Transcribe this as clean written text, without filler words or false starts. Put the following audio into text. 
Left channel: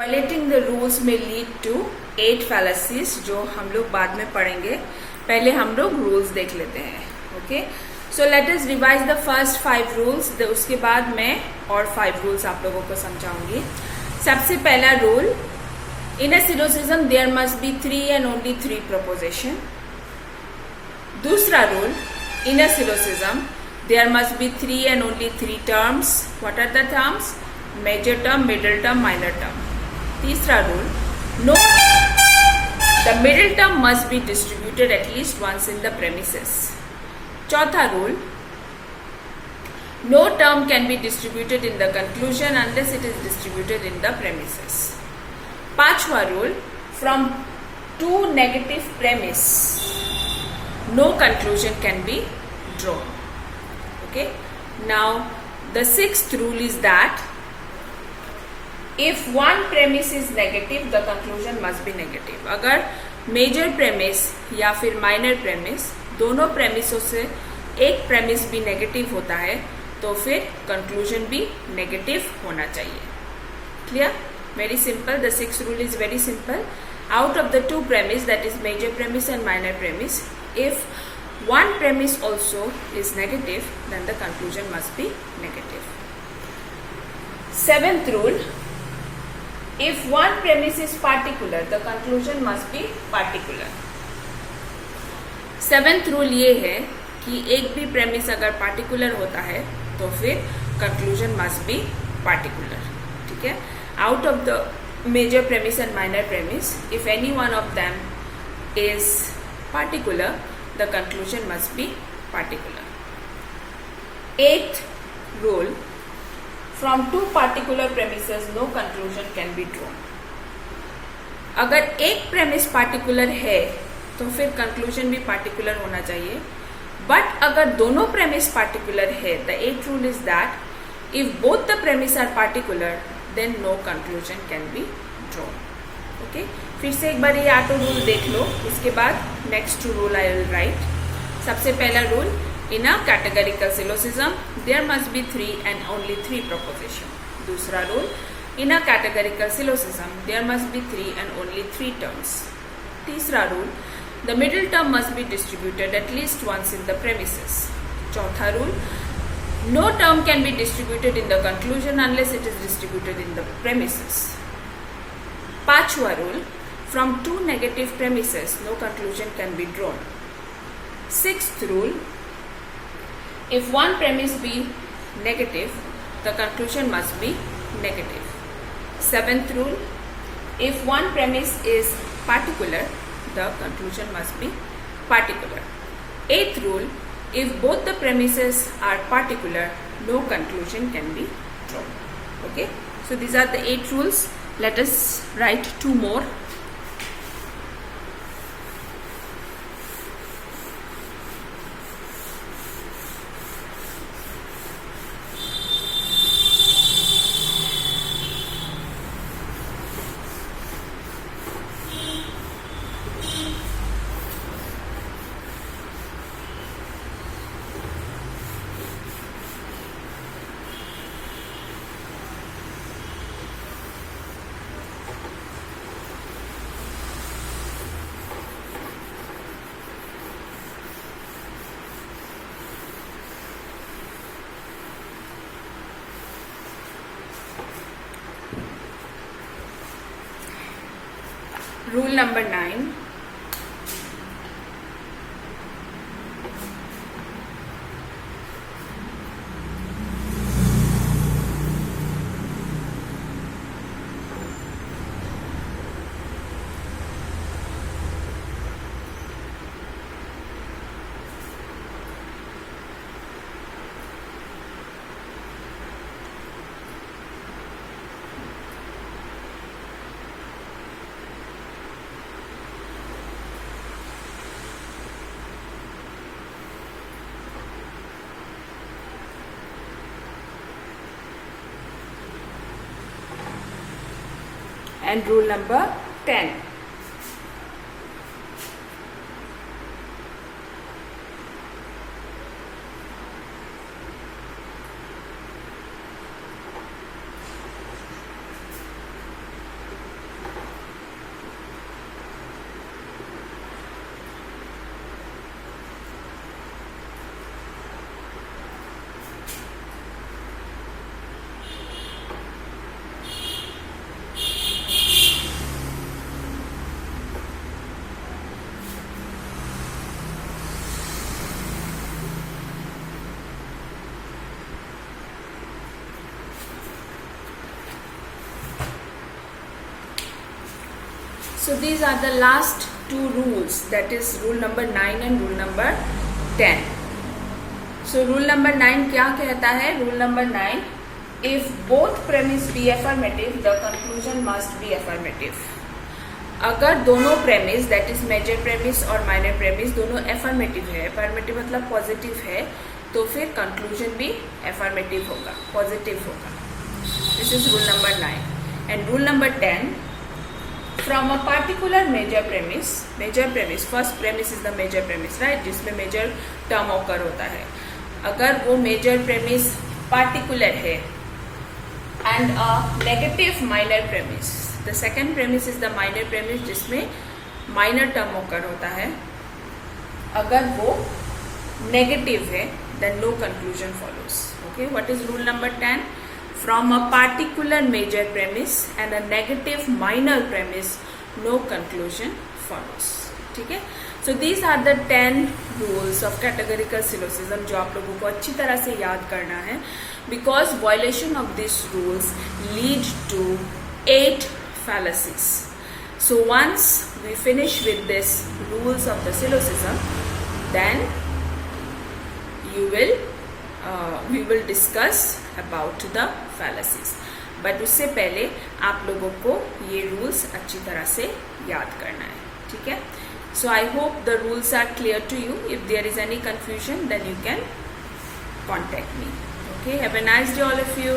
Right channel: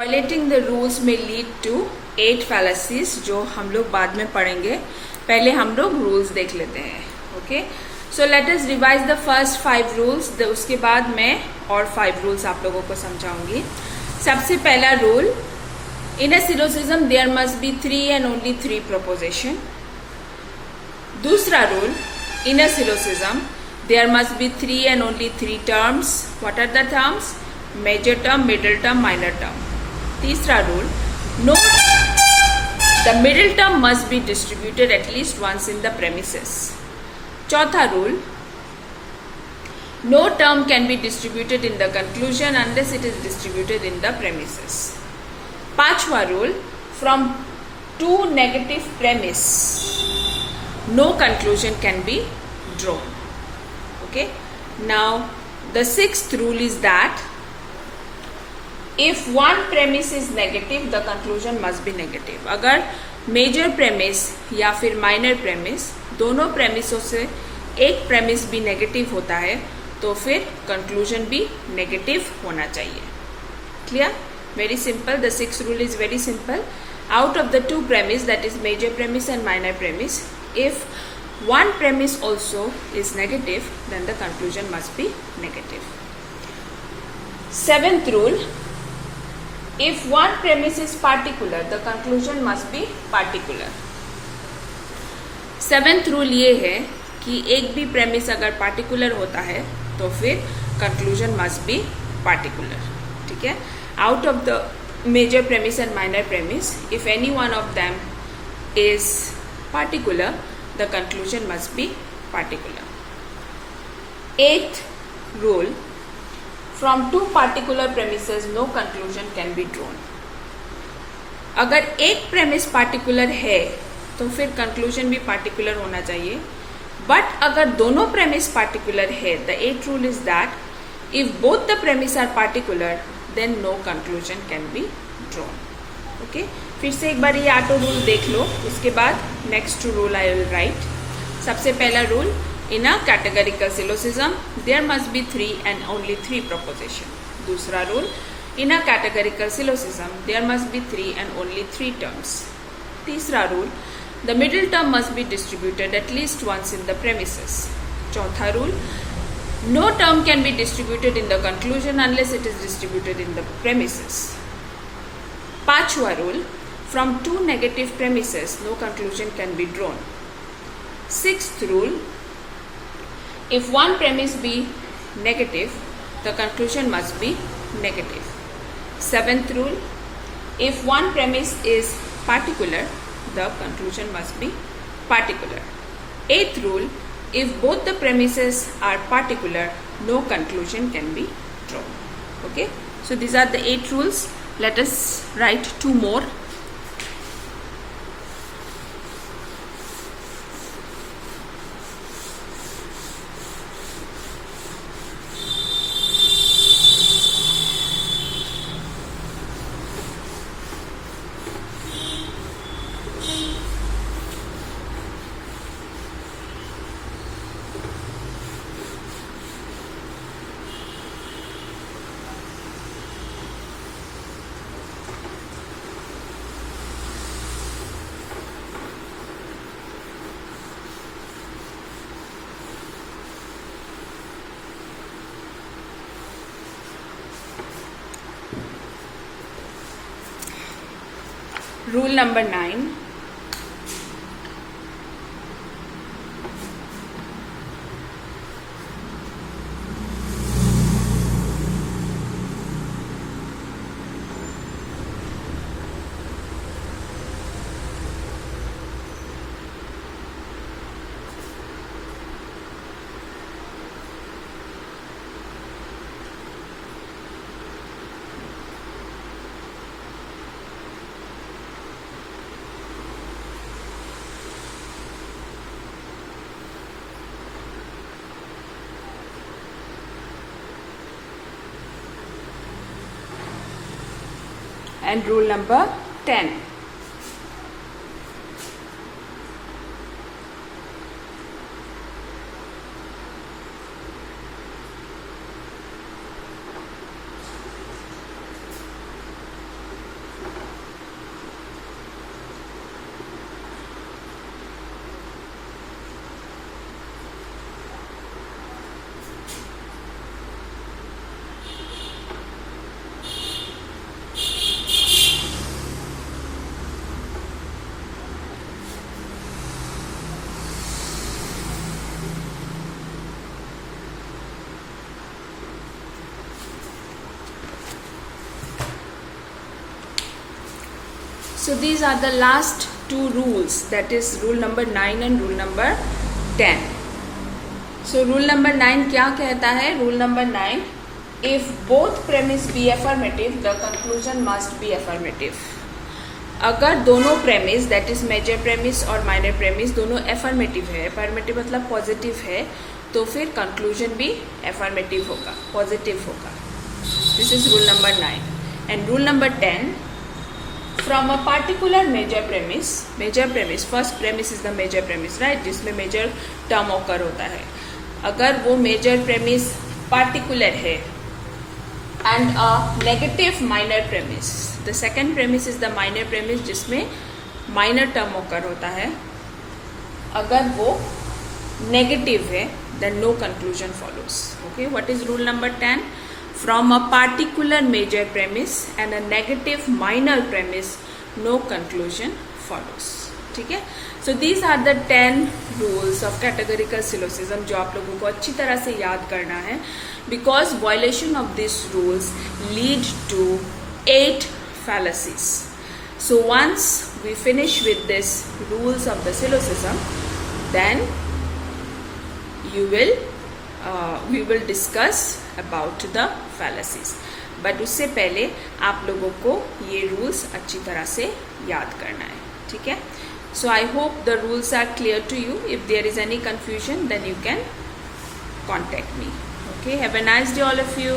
Violating the rules में lead to 8 fallacies जो हम लोग बाद में पढ़ेंगे. पहले हम लोग रूल्स देख लेते हैं. Okay, so let us revise the first 5 rules. उसके बाद मैं और 5 रूल्स आप लोगों को समझाऊंगी. सबसे पहला rule, in a syllogism there must be 3 and only 3 proposition. दूसरा rule, in a syllogism there must be 3 and only 3 terms. What are the terms? Major term, middle term, minor term. तीसरा rule, no the middle term must be distributed at least once in the premises. चौथा rule, no term can be distributed in the conclusion unless it is distributed in the premises. पांचवा rule, from 2 negative premise no conclusion can be drawn. Okay, now the sixth rule is that if one premise is negative the conclusion must be negative. अगर major premise या फिर minor premise दोनों प्रेमिसों से एक premise भी negative होता है तो फिर कंक्लूजन भी नेगेटिव होना चाहिए. Clear? Very simple. The sixth rule is very simple. Out of the 2 premise, that is major premise and minor premise, if one premise also is negative then the conclusion must be negative. Seventh rule, if one premise is particular the conclusion must be particular. Seventh rule ये है कि एक भी premise अगर particular होता है तो फिर कंक्लूजन मस्ट बी पार्टिकुलर. ठीक है? Out of the major premise and minor premise, if any one of them is particular the conclusion must be particular. 8th rule, from 2 particular premises no conclusion can be drawn. अगर एक premise particular है तो फिर conclusion भी particular होना चाहिए. But अगर दोनों प्रेमिस पार्टिकुलर है, the 8th rule is that if both the premise are particular then no conclusion can be drawn. Okay, फिर से एक बार ये 8 रूल देख लो. उसके बाद next rule I will write. सबसे पहला rule, in a categorical syllogism there must be 3 and only 3 proposition. दूसरा rule, in a categorical syllogism there must be 3 and only 3 terms. तीसरा rule, the middle term must be distributed at least once in the premises. चौथा rule, no term can be distributed in the conclusion unless it is distributed in the premises. पांचवा rule, from 2 negative premises no conclusion can be drawn. Sixth rule, if one premise be negative, the conclusion must be negative. Seventh rule, if one premise is particular, the conclusion must be particular. Eighth rule, if both the premises are particular, no conclusion can be drawn. Okay, so these are the 8 rules. Let us write 2 more. Rule number 9. And rule number 10. So these are the last two rules, that is rule number 9 and rule number 10. So rule number 9 क्या कहता है? Rule number 9, if both premise be affirmative, the conclusion must be affirmative. अगर दोनों premise, that is major premise और minor premise, दोनों affirmative है, affirmative मतलब positive है, तो फिर conclusion भी affirmative होगा, positive होगा. This is rule number 9. And rule number 10, from a particular major premise, first premise is the major premise, right, जिसमें major term occur होता है. अगर वो major premise particular है and a negative minor premise, the second premise is the minor premise जिसमें minor term occur होता है. अगर वो negative है, then no conclusion follows. Okay, what is rule number 10? From a particular major premise and a negative minor premise, no conclusion follows. ठीक है? So these are the 10 rules of categorical syllogism जो आप लोगों को अच्छी तरह से याद करना है, because violation of these rules lead to 8 fallacies. So once we finish with this rules of the syllogism, then we will discuss about the fallacies. But उससे पहले आप लोगों को ये rules अच्छी तरह से याद करना है. ठीक है? So I hope the rules are clear to you. If there is any confusion, then you can contact me. Okay? Have a nice day all of you.